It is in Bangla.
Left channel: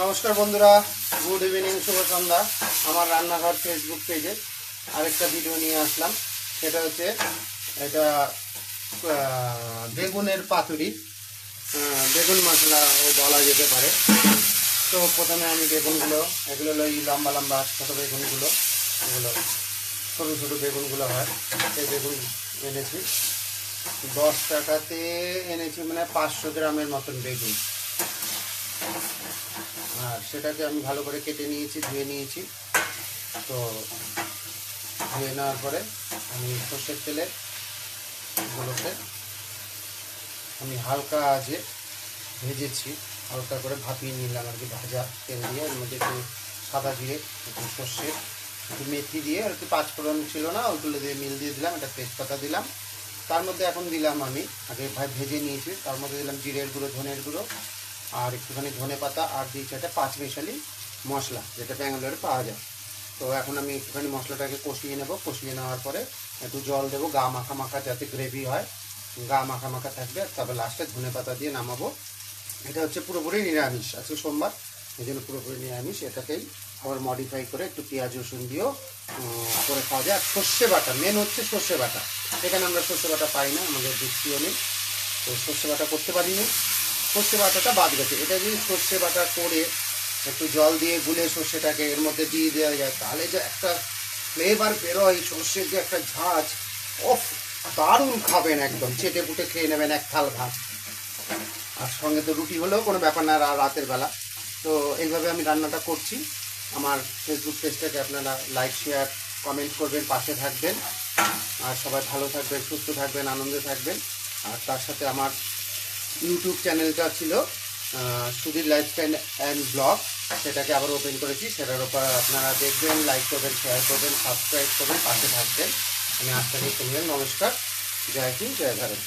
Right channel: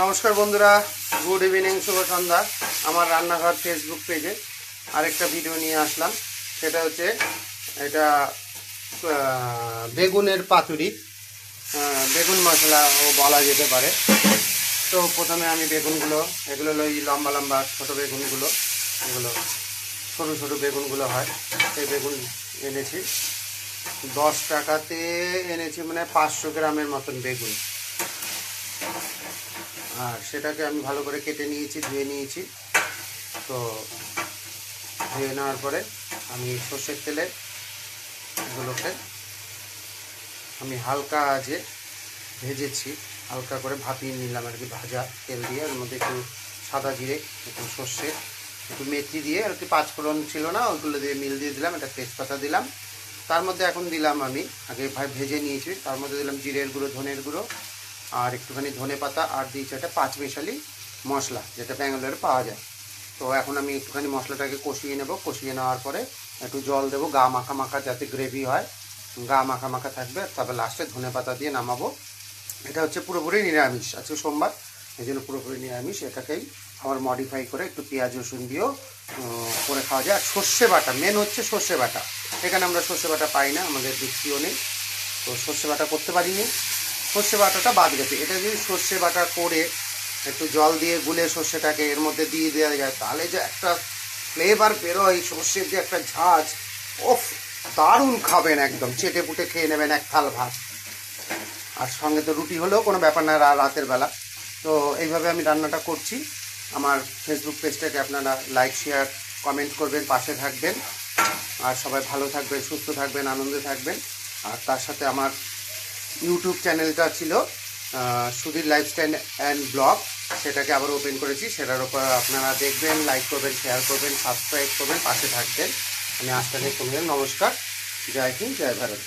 নমস্কার বন্ধুরা, গুড ইভিনিং, শুভ সন্ধ্যা। আমার রান্নাঘর ফেসবুক পেজে আরেকটা ভিডিও নিয়ে আসলাম। সেটা হচ্ছে এটা বেগুনের পাতুরি, বেগুন মশলাও বলা যেতে পারে। তো প্রথমে আমি বেগুনগুলো, এগুলো এই লম্বা লম্বা ছোটো বেগুনগুলো, এগুলো ছোটো ছোটো বেগুনগুলো হয়, সেই বেগুন এনেছি। 10 টাকাতে এনেছি, মানে 500 গ্রামের মতন বেগুন। আর সেটাকে আমি ভালো করে কেটে নিয়েছি, ধুয়ে নিয়েছি। তো ধুয়ে নেওয়ার পরে আমি সর্ষের তেলে এগুলোকে আমি হালকা আঁচে ভেজেছি, হালকা করে ভাপিয়ে নিলাম আর কি, ভাজা তেল দিয়ে। এর মধ্যে একটু সাদা জিরে, একটু সর্ষে, একটু মেথি দিয়ে, আর কি পাঁচফোড়ন ছিল না, ওইগুলো দিয়ে মিল দিয়ে দিলাম। একটা তেজপাতা দিলাম। তার মধ্যে এখন দিলাম, আমি আগে ভেজে নিয়েছি, তার মধ্যে দিলাম জিরের গুঁড়ো, ধনের গুঁড়ো, আর একটুখানি ধনে পাতা, আর দিয়েছি একটা 5 মিশালি মশলা, যেটা ব্যাঙ্গালোরে পাওয়া যায়। তো এখন আমি একটুখানি মশলাটাকে কষিয়ে নেব। কষিয়ে নেওয়ার পরে একটু জল দেবো, গা মাখা মাখা যাতে গ্রেভি হয়, গা মাখা মাখা থাকবে। তবে লাস্টে ধনে পাতা দিয়ে নামাবো। এটা হচ্ছে পুরোপুরি নিরামিষ, আজকে সোমবার, এই জন্য পুরোপুরি নিরামিষ। এটাকেই আবার মডিফাই করে একটু পেঁয়াজ রসুন দিয়েও করে খাওয়া যায়। আর সর্ষে বাটা, মেন হচ্ছে সর্ষে বাটা। এখানে আমরা সর্ষে বাটা পাই না, আমাদের দেখছিও নেই, তো সর্ষে বাটা করতে পারিনি। সর্ষে বাটাটা বাদ গেছে। এটা যদি সর্ষে বাটা করে একটু জল দিয়ে গুলে সর্ষেটাকে এর মধ্যে দিয়ে দেওয়া যায়, তাহলে যে একটা ফ্লেভার বেরোয়, সর্ষের যে একটা ঝাঁজ, ওফ, দারুণ খাবেন, একদম চেটে পুটে খেয়ে নেবেন এক থাল ভাত। আর সঙ্গে তো রুটি হলেও কোনো ব্যাপার না রাতের বেলা। তো এইভাবে আমি রান্নাটা করছি। আমার ফেসবুক পেজটাকে আপনারা লাইক, শেয়ার, কমেন্ট করবেন, পাশে থাকবেন। আর সবাই ভালো থাকবেন, সুস্থ থাকবেন, আনন্দে থাকবেন। আর তার সাথে আমার ইউটিউব চ্যানেলটা ছিল সুধীর লাইফস্টাইল অ্যান্ড ব্লগ, সেটাকে আবার ওপেন করেছি। সেটার উপর আপনারা দেখবেন, লাইক করবেন, শেয়ার করবেন, সাবস্ক্রাইব করবেন, পাশে থাকবেন। আমি আজকে কমলেন। নমস্কার, জয় হিন্দ, জয় ভারত।